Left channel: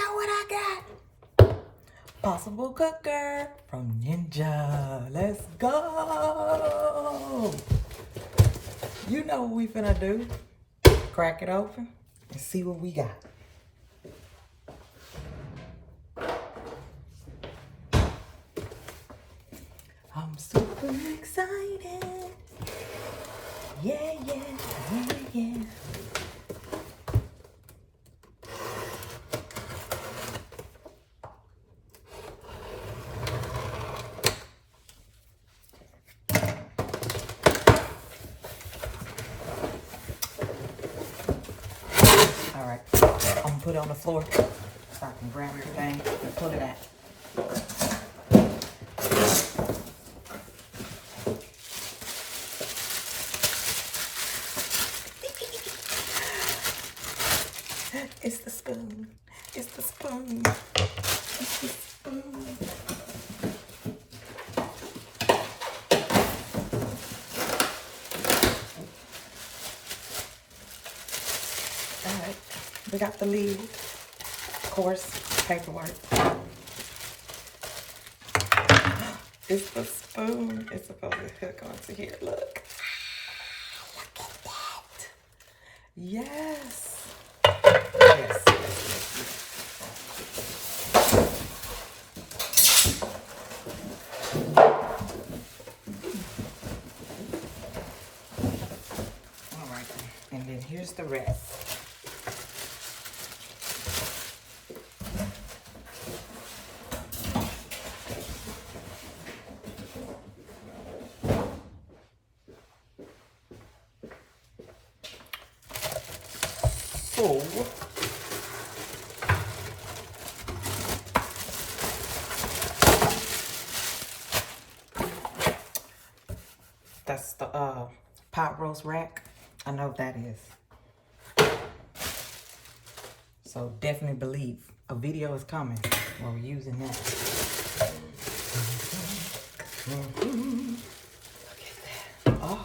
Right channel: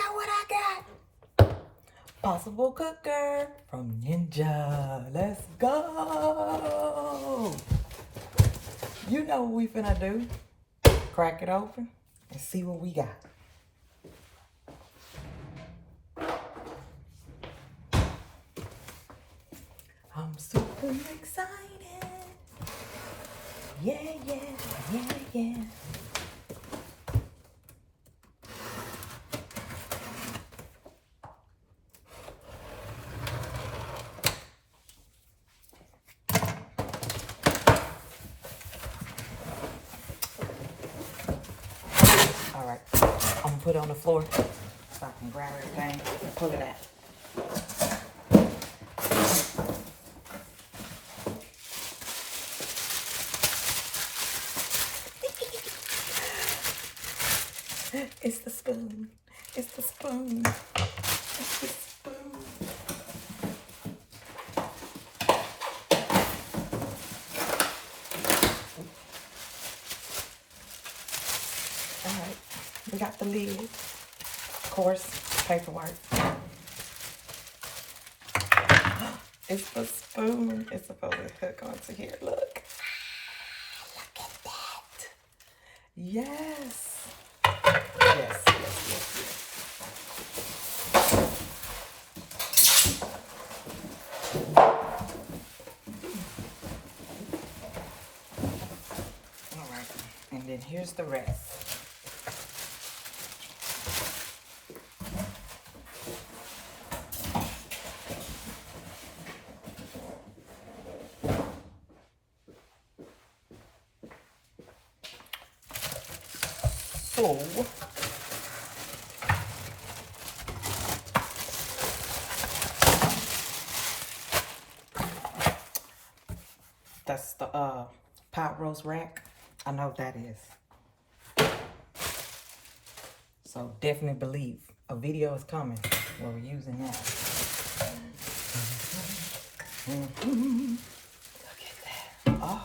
out what I got. Possible cooker from Ninja. Let's go. You know what we finna do. Crack it open and see what we got. I'm super excited. Yeah, yeah, yeah, yeah. All right, I'm gonna put it on the floor so I can grab everything and pull it out. It's the spoon. It's the spoon. It's the spoon. All right, we got the lid. Of course, paperwork. It's the spoon. It's supposed to hook onto here. Look. Look at that. Yes. Yes, yes, yes, yes. All right, and then here's the rest. So, that's the pot roast rack. I know what that is. So definitely believe a video is coming where we're using that. Look at that. Oh,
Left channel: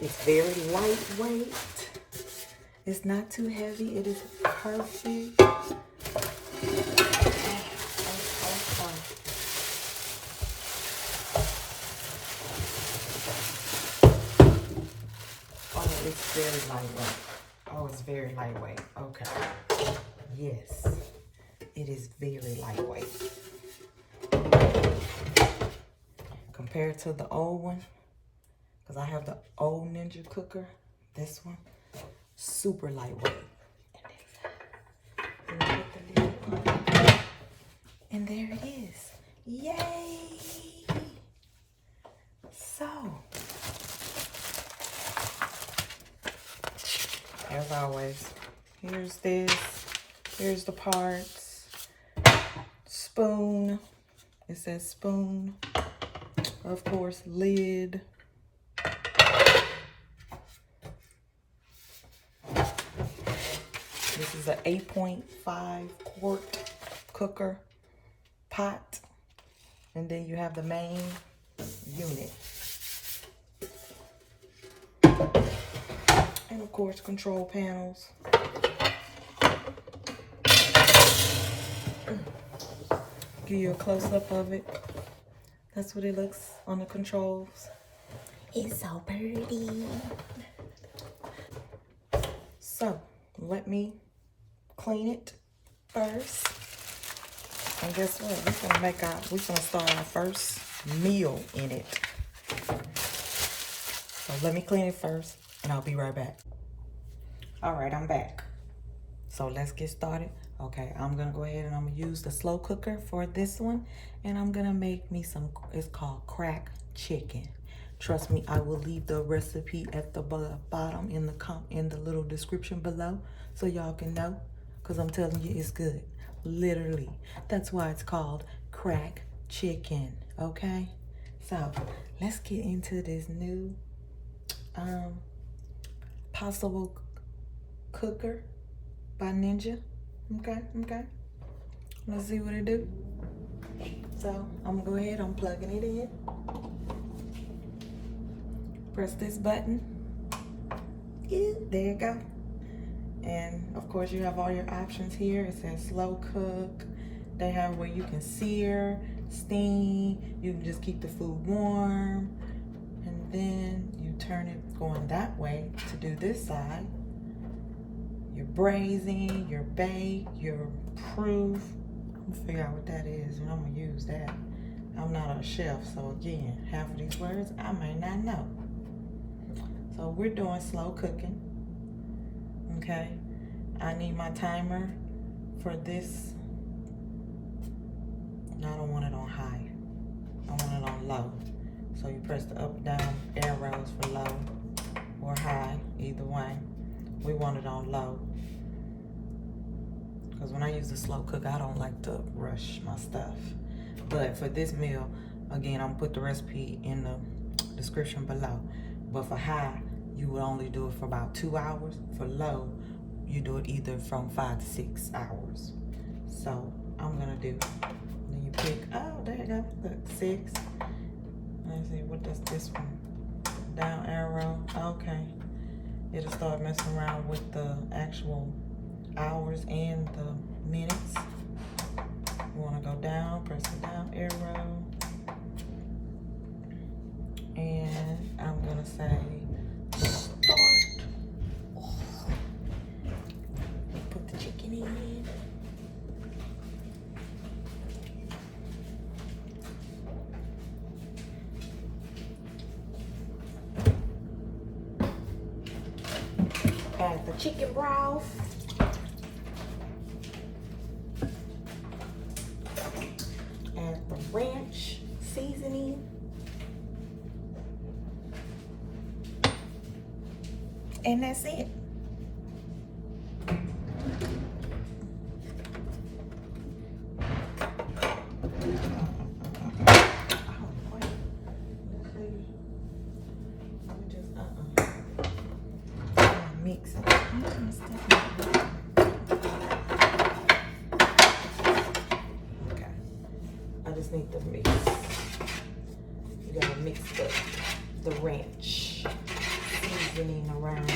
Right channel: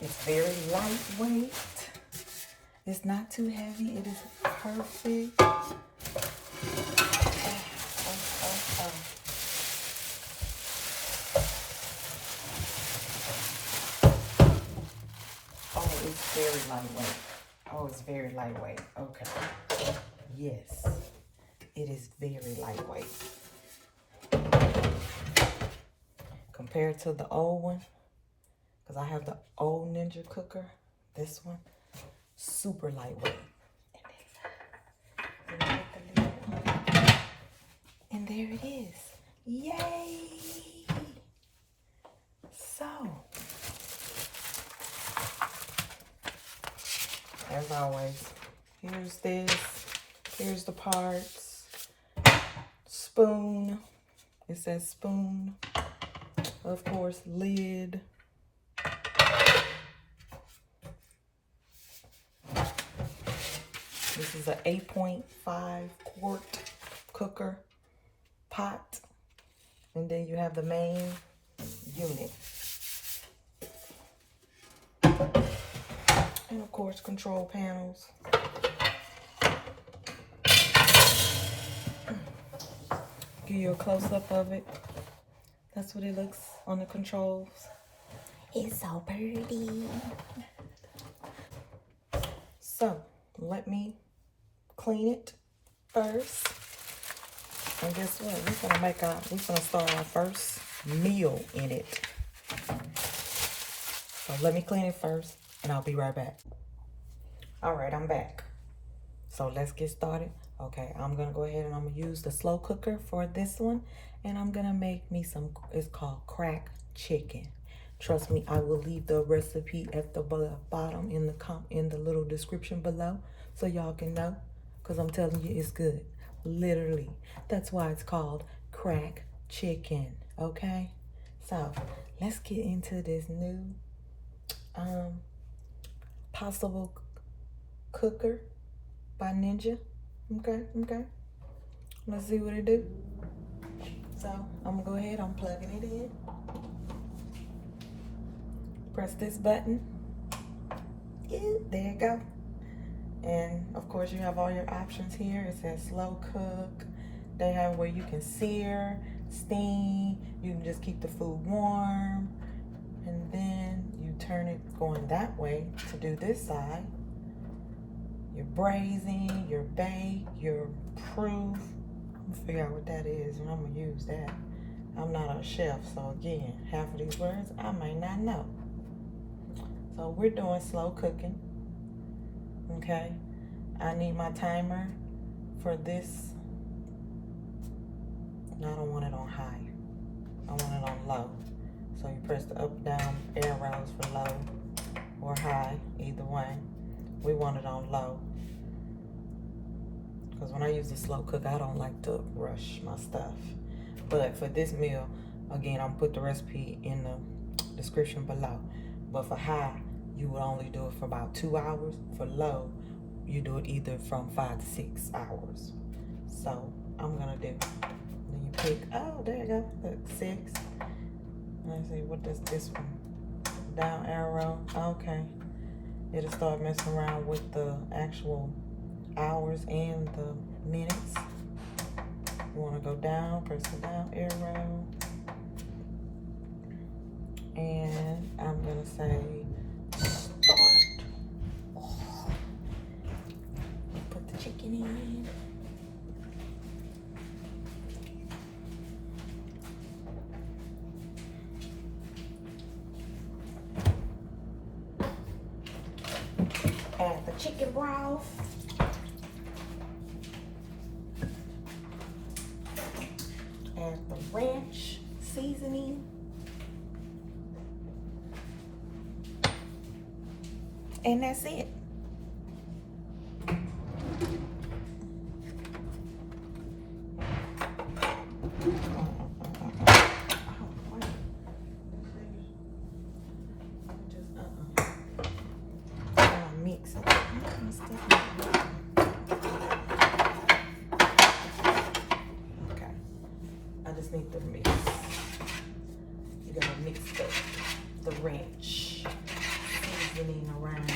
it's very lightweight. It's not too heavy. It is perfect. It's very lightweight. Oh, it's very lightweight. Okay. Yes. It is very lightweight. Compared to the old one, because I have the old Ninja cooker, this one, super lightweight. And then put the lid on. And there it is. Yay! So, as always, here's this, here's the parts, spoon, it says spoon, of course, lid, this is an 8.5 quart cooker pot, and then you have the main unit. And of course, control panels. Give you a close-up of it. That's what it looks on the controls. It's so pretty. So, let me clean it first. And guess what? We're gonna start our first meal in it. So let me clean it first, and I'll be right back. All right, I'm back. So let's get started. Okay, I'm gonna go ahead and I'm gonna use the slow cooker for this one, and I'm gonna make me some, it's called crack chicken. Trust me, I will leave the recipe at the bottom in the little description below, so y'all can know, because I'm telling you it's good. Literally, that's why it's called crack chicken. Okay, so let's get into this new possible cooker by Ninja. Okay. Let's see what it do. So I'm gonna go ahead, I'm plugging it in. press this button. Yeah, there you go. And of course you have all your options here. It says slow cook. They have where you can sear, steam. You can just keep the food warm. And then you turn it going that way to do this side. You're braising, you're baked, you're proof. I'm gonna figure out what that is and I'm gonna use that. I'm not a chef, so again, half of these words I might not know. So we're doing slow cooking, okay? I need my timer for this. No, I don't want it on high. I want it on low. So you press the up, down arrows for low or high, either way. We want it on low. Because when I use the slow cooker, I don't like to rush my stuff. But for this meal, again, I'm gonna put the recipe in the description below. But for high, you would only do it for about 2 hours. For low, you do it either from 5 to 6 hours. So I'm gonna do, then you pick, oh, there you go, look, 6. Let me see, what does this one? Down arrow, okay. It'll start messing around with the actual hours and the minutes. You wanna go down, press the down arrow. And I'm gonna say start. Put the chicken in. Add the chicken broth. Add the ranch seasoning. And that's it. Mix it. Okay. I just need to mix. You gotta mix the ranch seasoning around.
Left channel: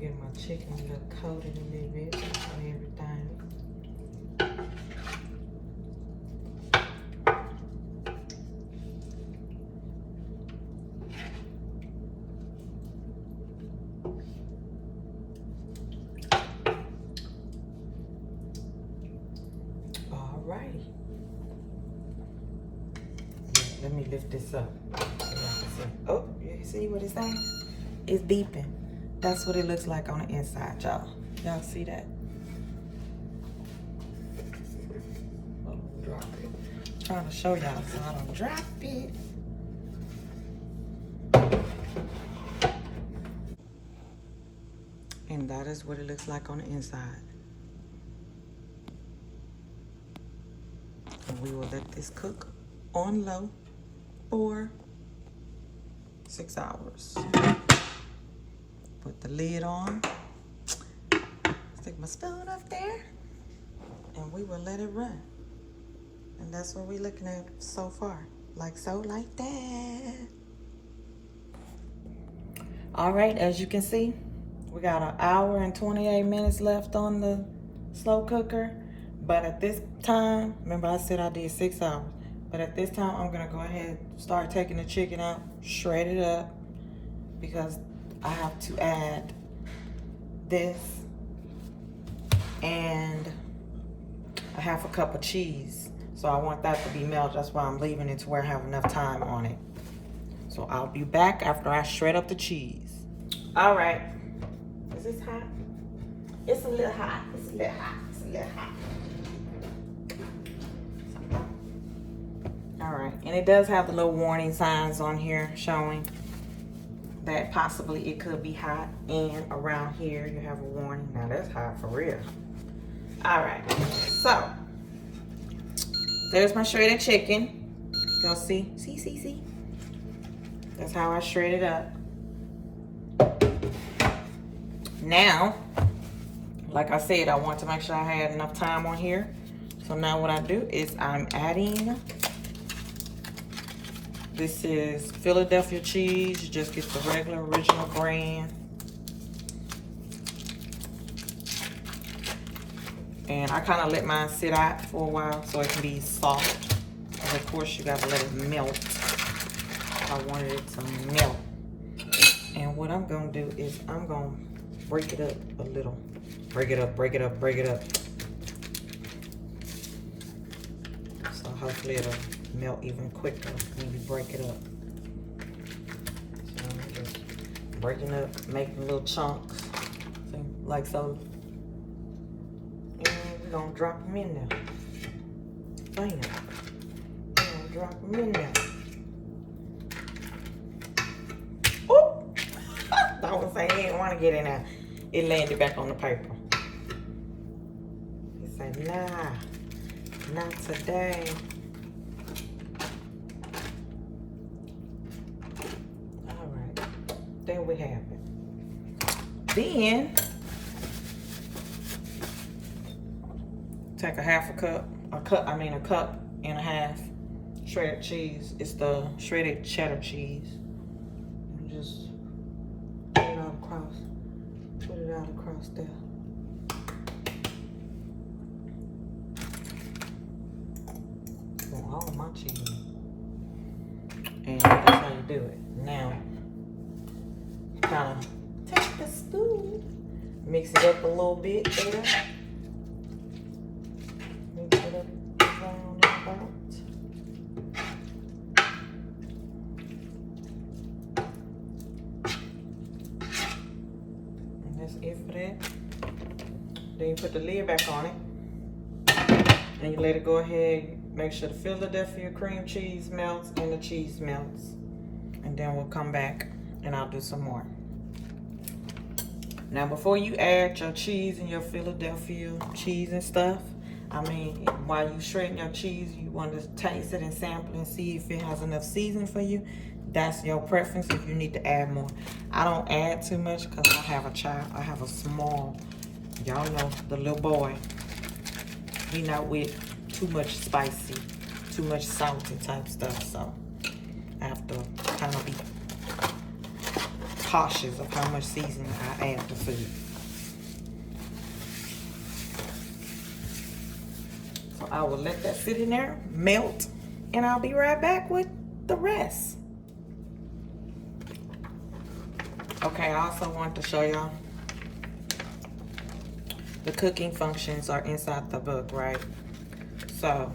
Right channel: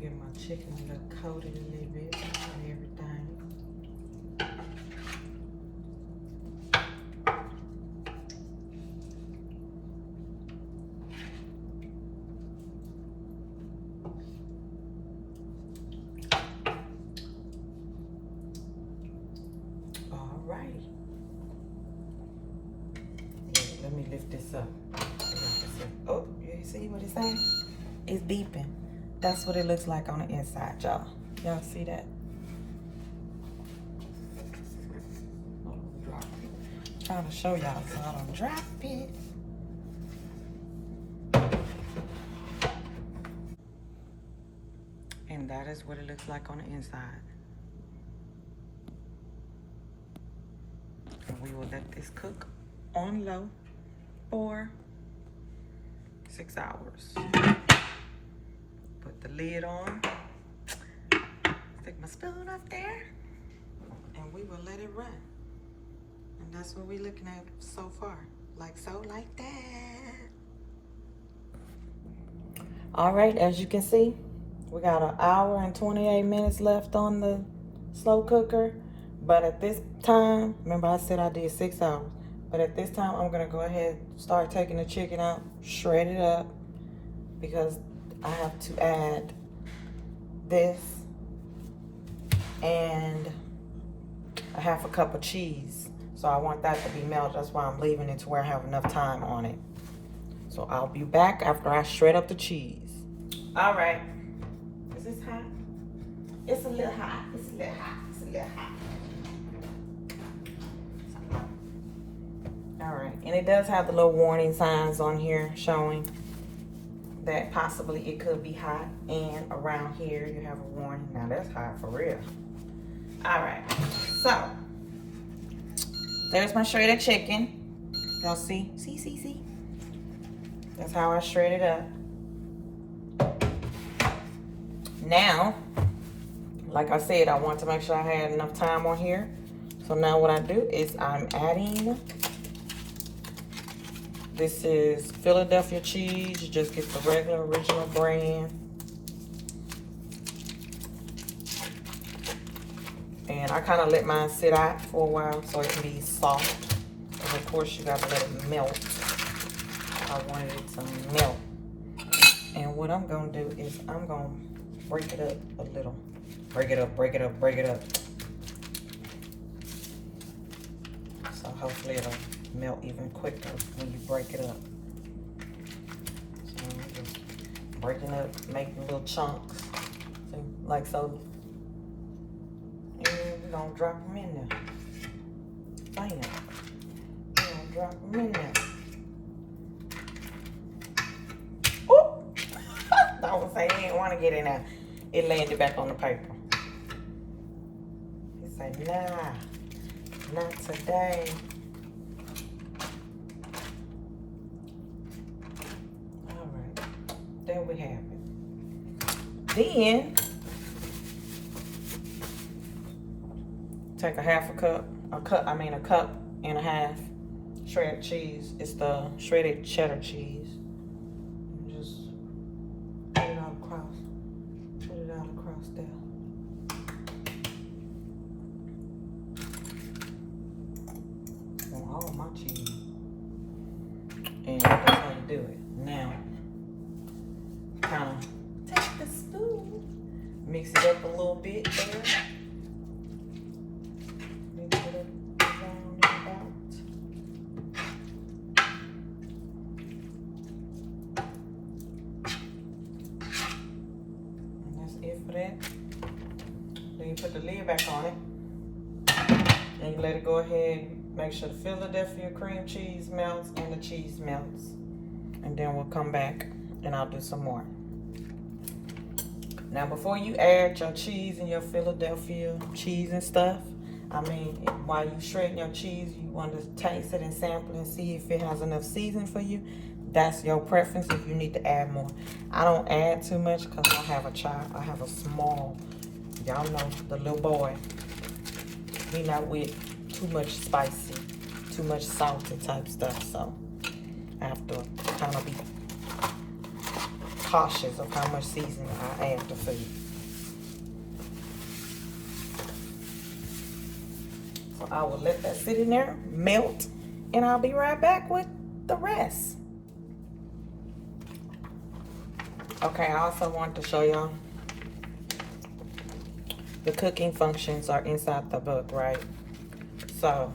Get my chicken a little coated a little bit on everything. Alrighty. Yeah, let me lift this up. Oh, you see what it's saying? It's beeping. That's what it looks like on the inside, y'all. Y'all see that? Oh, drop it. Trying to show y'all so I don't drop it. And that is what it looks like on the inside. And we will let this cook on low for 6 hours. Put the lid on. Stick my spoon up there. And we will let it run. And that's what we're looking at so far. Like so, like that. All right, as you can see, we got 1 hour and 28 minutes left on the slow cooker. But at this time, remember I said I did 6 hours. But at this time, I'm gonna go ahead and start taking the chicken out, shred it up, because I have to add this and a 1/2 cup of cheese. So I want that to be melted. That's why I'm leaving it to where I have enough time on it. So I'll be back after I shred up the cheese. All right. Is this hot? It's a little hot. It's a little hot. It's a little hot. All right. And it does have the little warning signs on here showing that possibly it could be hot. And around here you have a warning. Now that's hot for real. All right. So there's my shredded chicken. Y'all see? See? That's how I shred it up. Now, like I said, I want to make sure I had enough time on here. So now what I do is I'm adding, this is Philadelphia cheese. You just get the regular original brand. And I kind of let mine sit out for a while so it can be soft. And of course you gotta let it melt. I wanted it to melt. And what I'm gonna do is I'm gonna break it up a little. Break it up, break it up, break it up. So hopefully it'll melt even quicker when you break it up. So I'm just breaking up, making little chunks. See, like so. And we're gonna drop them in there. Bam. We're gonna drop them in there. Oh! I was saying he didn't want to get in there. It landed back on the paper. He said, nah, not today. All right, there we have it. Then, take a cup and a half shredded cheese. It's the shredded cheddar cheese. And just put it out across there. All my cheese. And that's how you do it. Now, kind of take the spoon, mix it up a little bit there. Mix it up around and about. And that's it for that. Then you put the lid back on it. And you let it go ahead. Make sure the Philadelphia cream cheese melts and the cheese melts. And then we'll come back and I'll do some more. Now before you add your cheese and your Philadelphia cheese and stuff, I mean, while you shredding your cheese, you want to taste it and sample and see if it has enough seasoning for you. That's your preference if you need to add more. I don't add too much because I have a child. I have a small, y'all know, the little boy. He not with too much spicy, too much salty type stuff, so I have to kind of be cautious of how much seasoning I add to food. So I will let that sit in there, melt, and I'll be right back with the rest. Okay, I also want to show y'all the cooking functions are inside the book, right? So,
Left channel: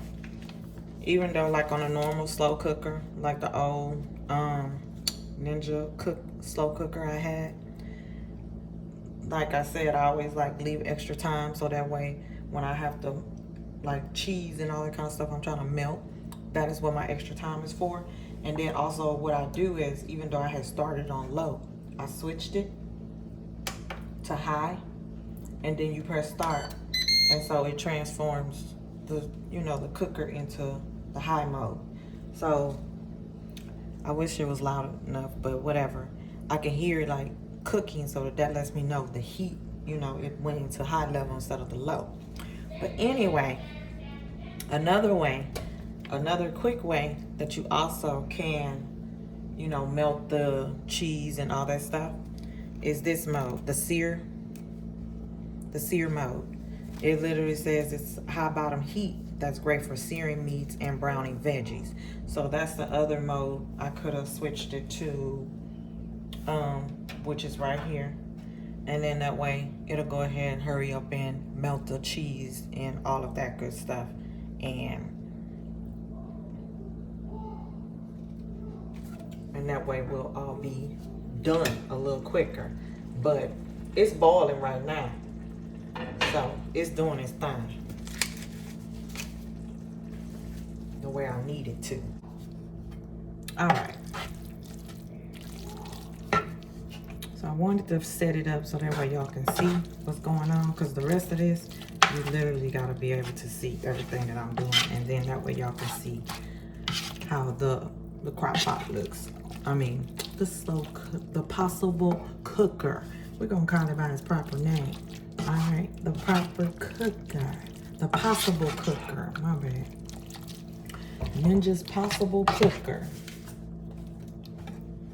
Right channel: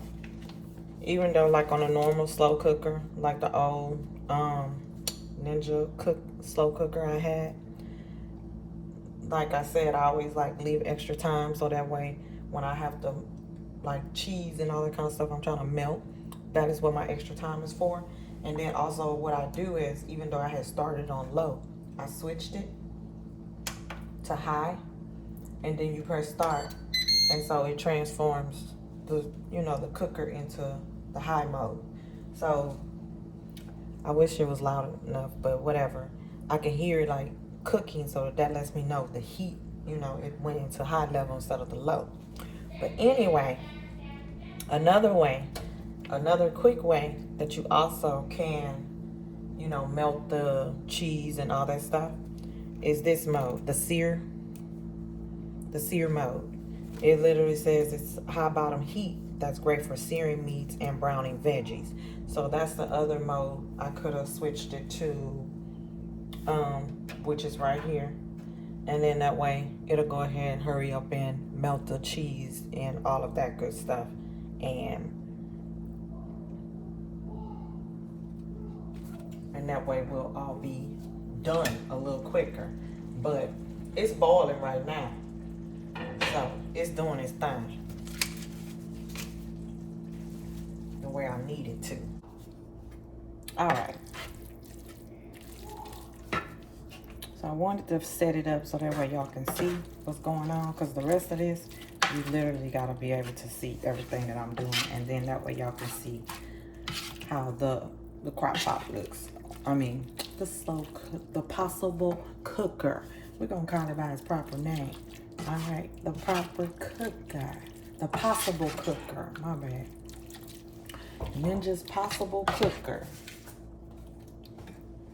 even though like on a normal slow cooker, like the old Ninja slow cooker I had, like I said, I always like leave extra time so that way when I have to like cheese and all that kind of stuff I'm trying to melt, that is what my extra time is for. And then also what I do is, even though I had started on low, I switched it to high, and then you press start, and so it transforms the, you know, the cooker into the high mode. So I wish it was loud enough, but whatever. I can hear it like cooking, so that lets me know the heat, you know, it went into high level instead of the low. But anyway, another quick way that you also can, you know, melt the cheese and all that stuff is this mode, the sear mode. It literally says it's high bottom heat. That's great for searing meats and browning veggies. So that's the other mode. I could have switched it to, which is right here. And then that way it'll go ahead and hurry up and melt the cheese and all of that good stuff. And that way we'll all be done a little quicker. But it's boiling right now, so it's doing its thing the way I need it to. All right, so I wanted to set it up so that way y'all can see what's going on, because the rest of this you literally got to be able to see everything that I'm doing, and then that way y'all can see how the crock pot looks. I mean, the possible cooker. We're gonna call it by its proper name. All right, the proper cooker. the possible cooker. My bad. Ninja's possible cooker.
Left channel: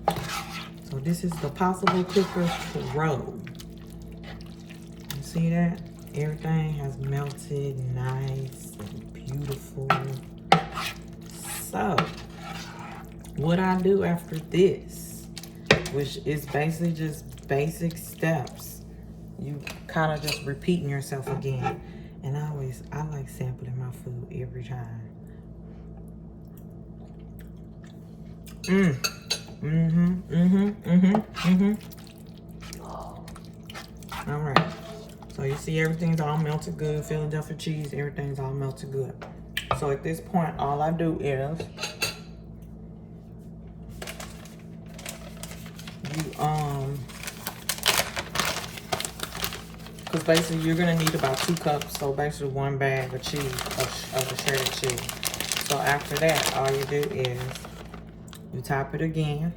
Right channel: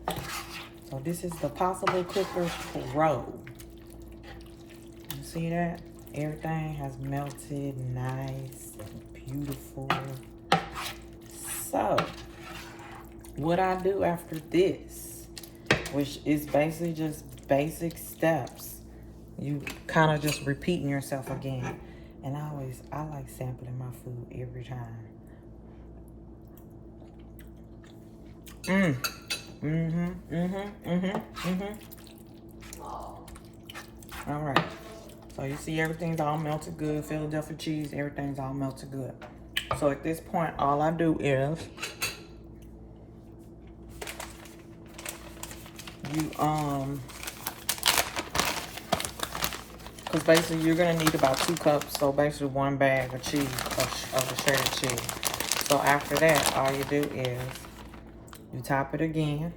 So this is the possible cooker Pro. You see that? Everything has melted nice and beautiful. So what I do after this, which is basically just basic steps, you kind of just repeating yourself again. And I like sampling my food every time. All right. So you see everything's all melted good. Philadelphia cheese, everything's all melted good. So at this point, all I do is because basically you're gonna need about 2 cups. So basically 1 bag of cheese, of the cheddar cheese. So after that, all you do is you top it again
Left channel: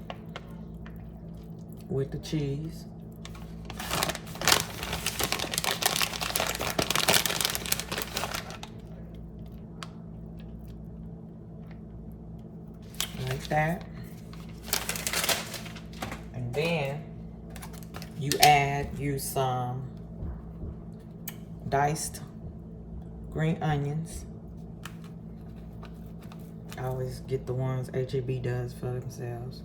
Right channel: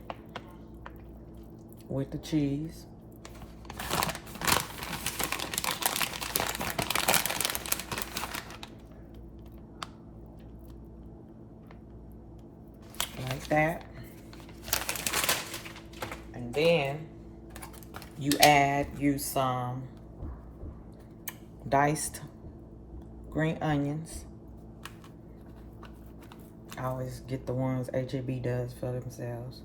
with the cheese. Like that. And then you add some diced green onions. I always get the ones HEB does for themselves.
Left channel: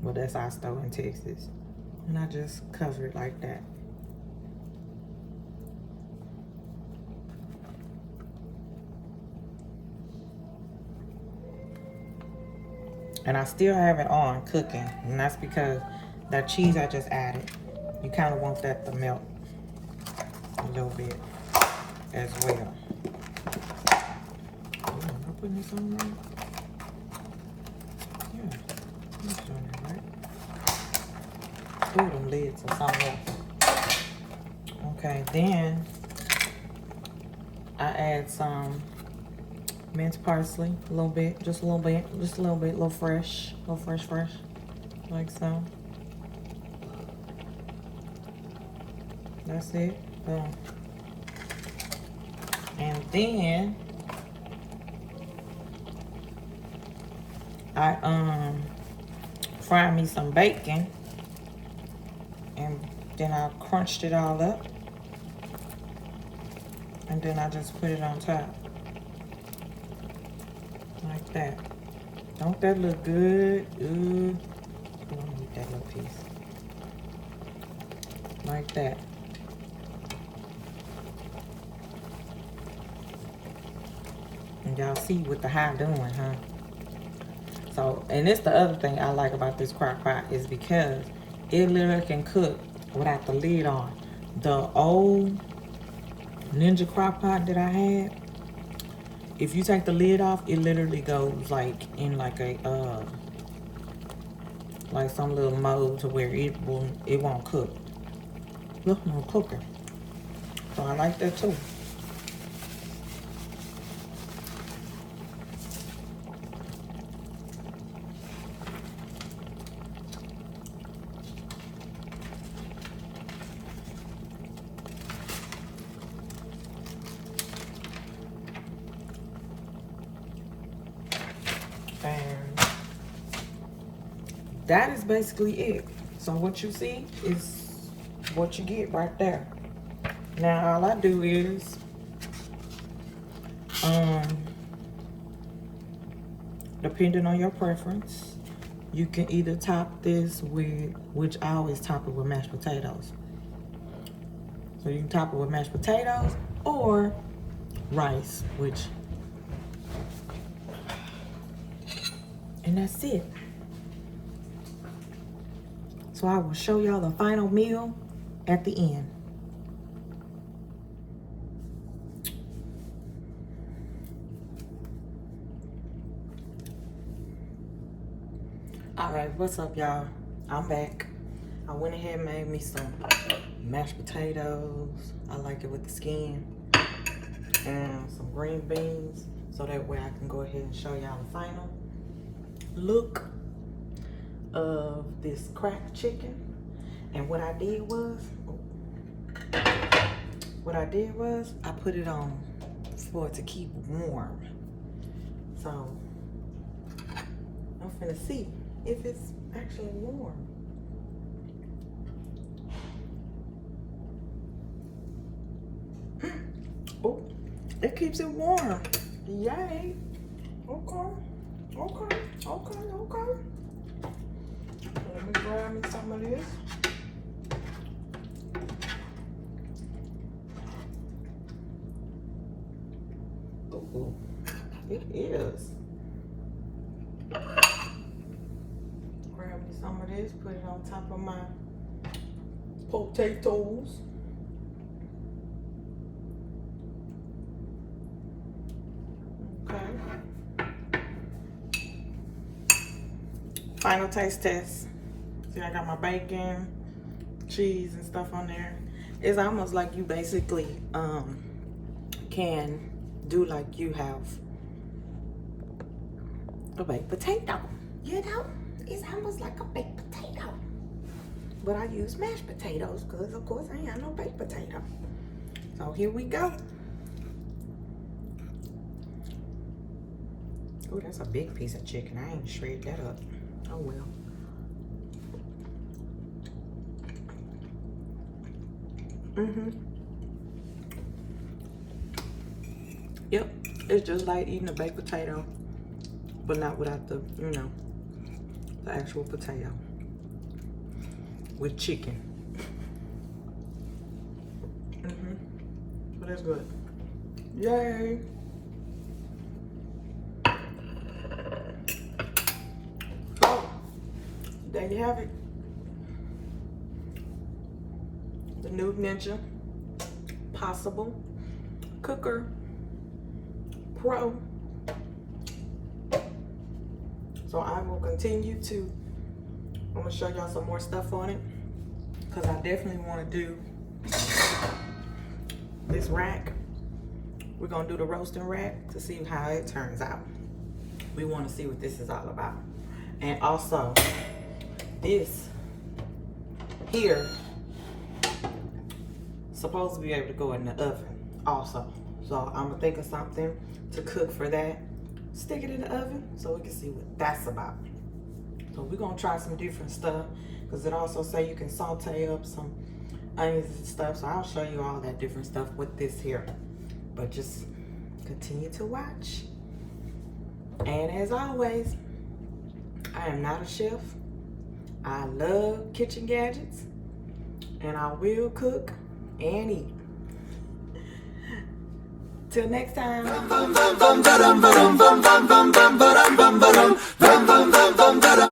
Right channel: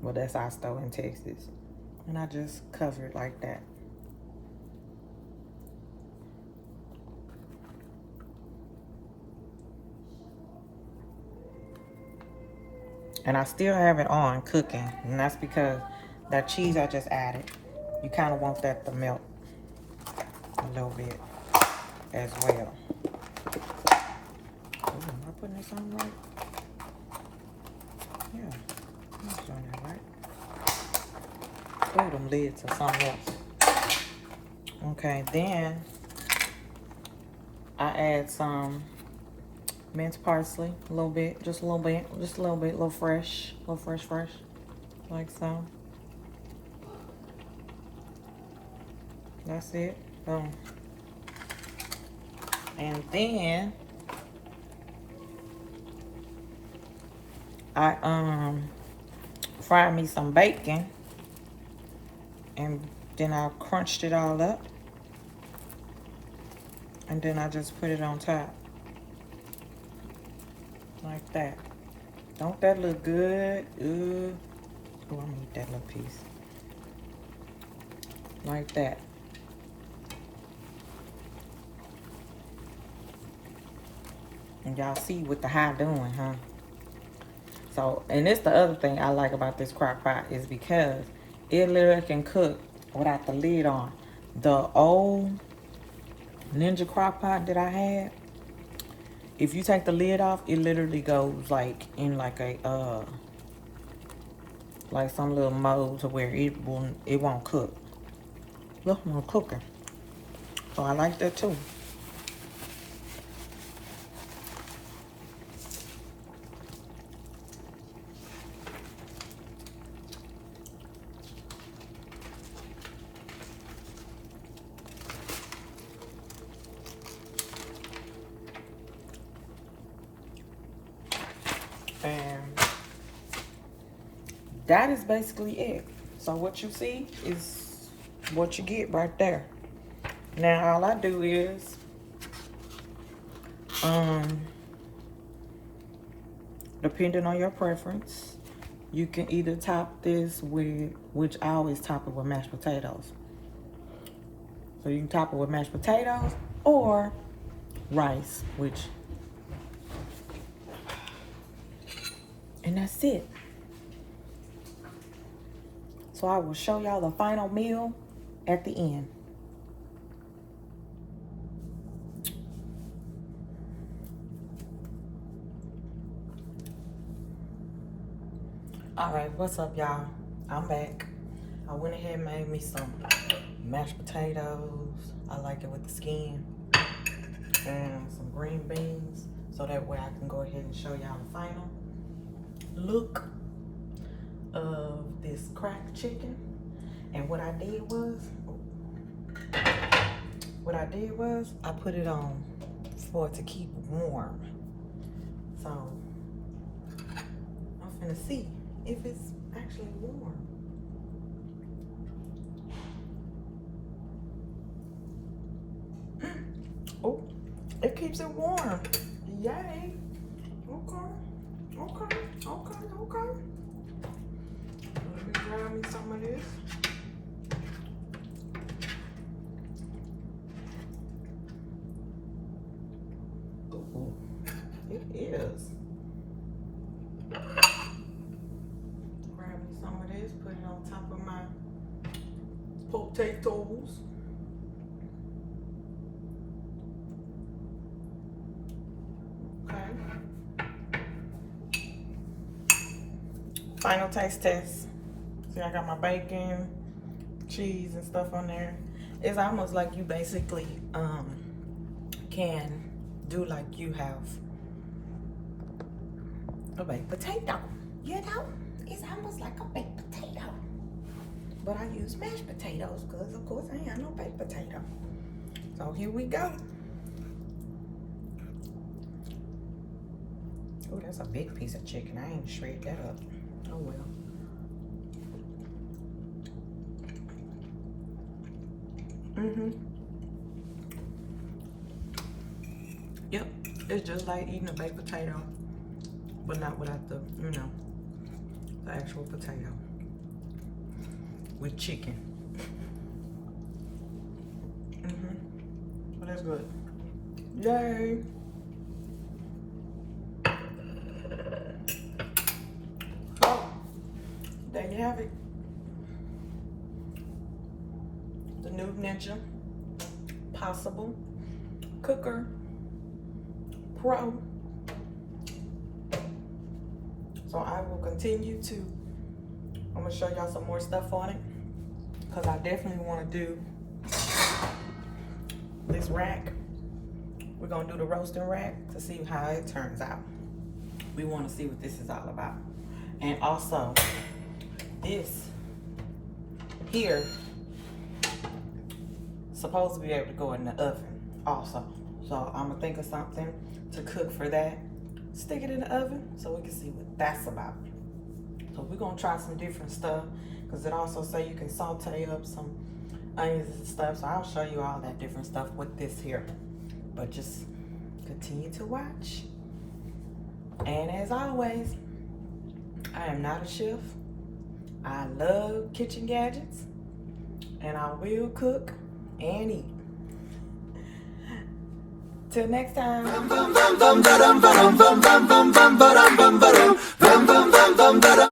Well, that's our store in Texas. And I just cover it like that. And I still have it on cooking. And that's because that cheese I just added, you kind of want that to melt a little bit as well. Ooh, am I putting this on right? Yeah, this on it right. Oh, them lids or something else. Okay, then I add some minced parsley, a little bit, just a little bit, a little fresh, like so. That's it. Boom. And then I fried me some bacon, and then I crunched it all up, and then I just put it on top like that. Don't that look good? Ooh, oh, I need that little piece like that. And y'all see what the high doing, huh? So, and it's the other thing I like about this crock pot is because it literally can cook without the lid on. The old Ninja crock pot that I had, if you take the lid off, it literally goes like in like a like some little mold to where it won't cook. Look, no cooker. So I like that too. That is basically it. So what you see is what you get right there. Now all I do is depending on your preference, you can either top this with, which I always top it with mashed potatoes. So you can top it with mashed potatoes or rice, and that's it. So I will show y'all the final meal at the end. All right, what's up, y'all? I'm back. I went ahead and made me some mashed potatoes. I like it with the skin. And some green beans. So that way I can go ahead and show y'all the final look of this cracked chicken. And what I did was what I did was I put it on for it to keep warm. So I'm finna see if it's actually warm. Oh, it keeps it warm. Yay. Okay. Okay. Okay. Okay. Let me grab me some of this. Ooh, it is. Grab me some of this, put it on top of my potatoes. Okay. Final taste test. See, I got my bacon, cheese, and stuff on there. It's almost like you basically can do like you have a baked potato. You know, it's almost like a baked potato. But I use mashed potatoes because, of course, I ain't got no baked potato. So here we go. Oh, that's a big piece of chicken. I ain't shred that up. Oh well. Yep, it's just like eating a baked potato, but not without the, you know, the actual potato with chicken. But that's good. Yay! Oh, there you have it. The new Ninja Possible Cooker Pro. So I will continue to, I'm gonna show y'all some more stuff on it because I definitely want to do this rack. We're gonna do the roasting rack to see how it turns out. We want to see what this is all about. And also this here supposed to be able to go in the oven also. So I'm gonna think of something to cook for that. Stick it in the oven so we can see what that's about. So we're gonna try some different stuff because it also say you can saute up some onions and stuff. So I'll show you all that different stuff with this here. But just continue to watch. And as always, I am not a chef. I love kitchen gadgets and I will cook and eat. Till next time.